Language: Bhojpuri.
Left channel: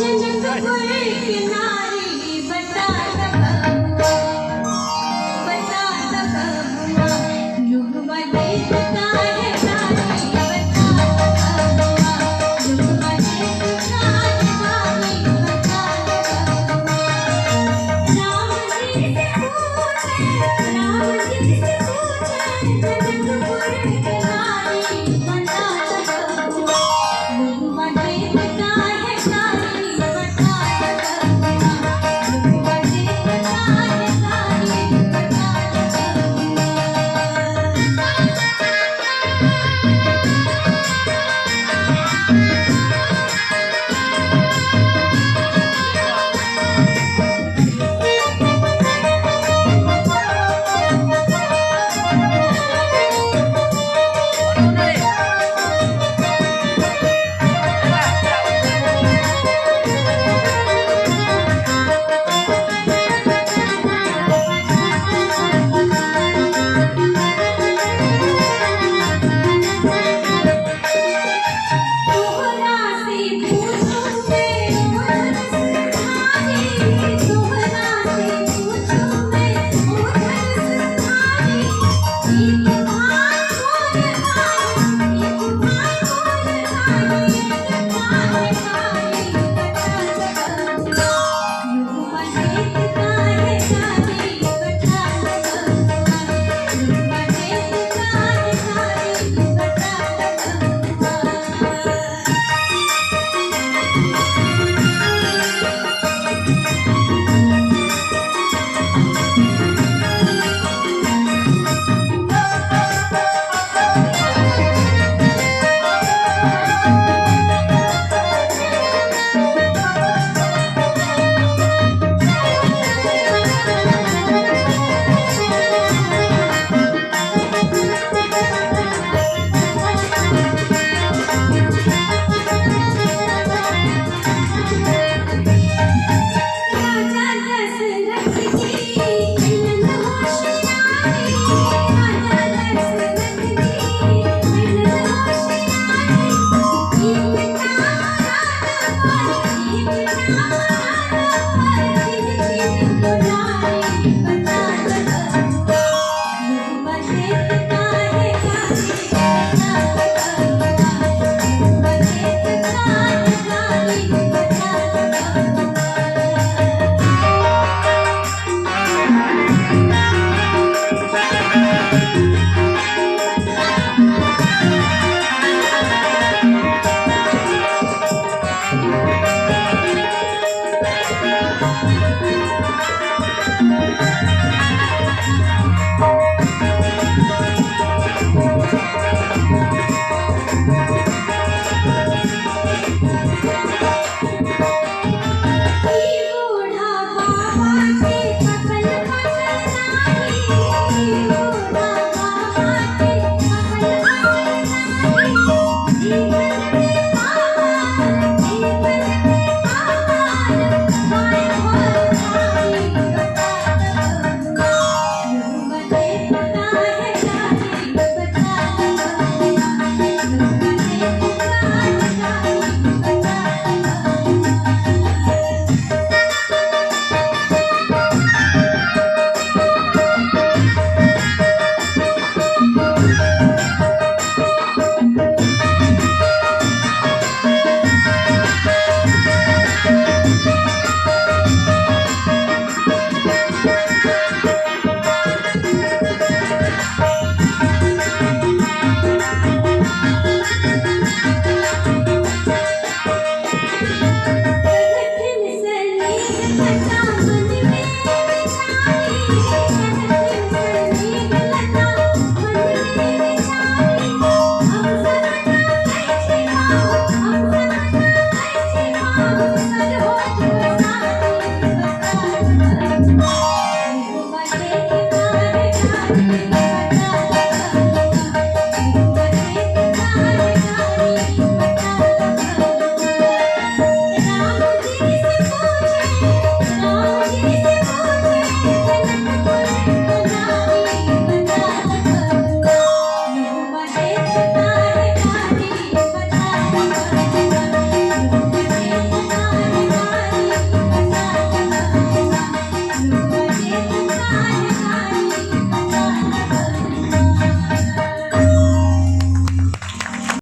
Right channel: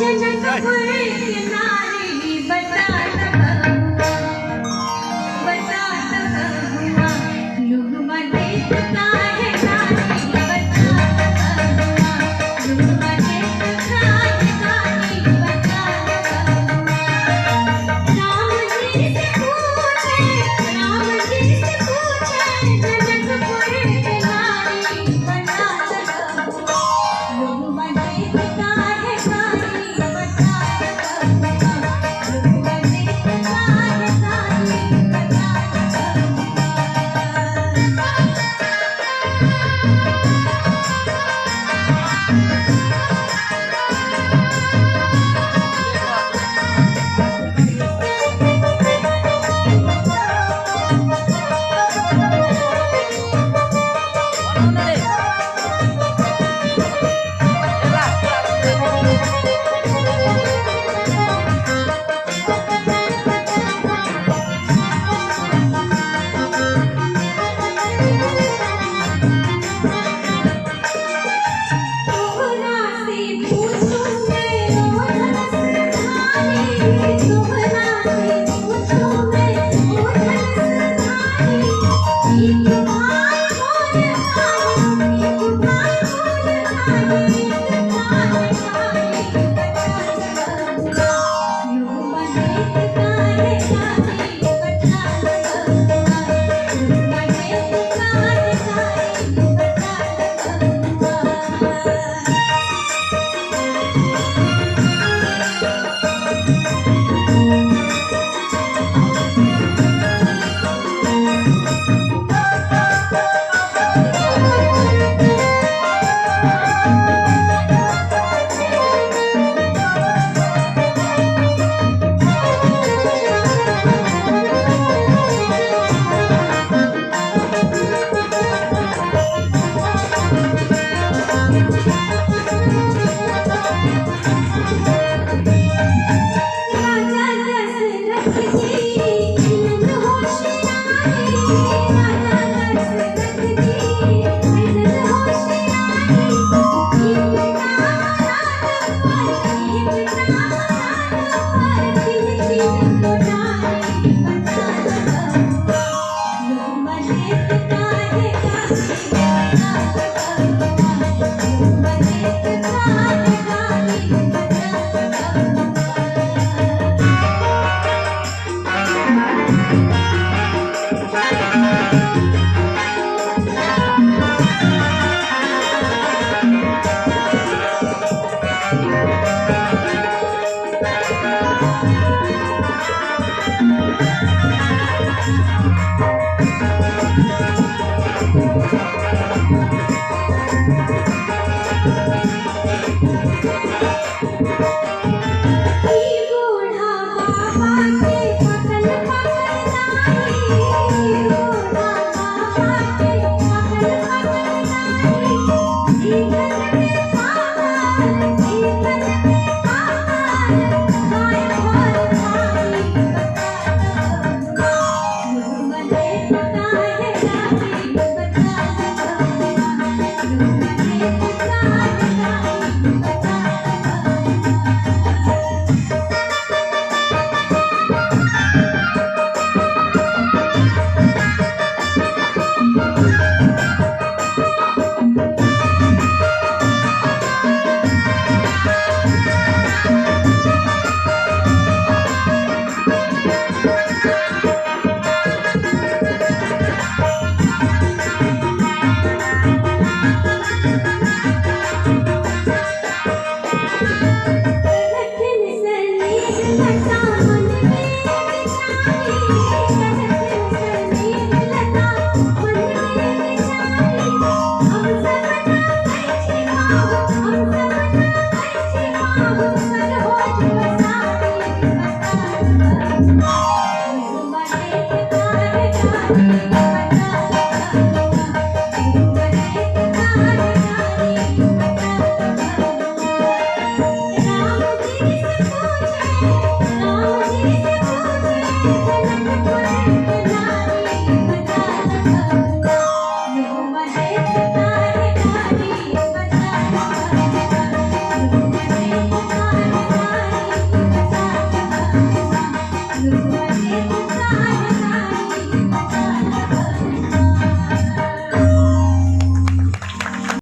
जनकपुर की नारी बता हुआ युग मदेत का है नारी बता युग मदेत का है नारी बता राम जी से पूछे जनकपुर की नारी बता युग मदेत का है नारी बता युग मदेत का है नारी बता तोहरा से पूछूं मैं ओ रसधारी तोहरा से पूछूं मैं ओ रसधारी एक भाई मोर आई एक भाई मोर आई तारे तारे बता युग मदेत का है नारी बता युग मदेत का है नारी बता राजा दशरथ की मिलन होशियारी राजा दशरथ की मिलन होशियारी एक नाम राजा बता युग मदेत का है नारी बता युग मदेत का है नारी बता बूढ़ा बाबा के पकल पकल नाही बूढ़ा बाबा के पकल पकल नाही जीवन में पावन जीवन में पावन माय भोर नारी बता युग मदेत का है नारी बता युग मदेत का है नारी बता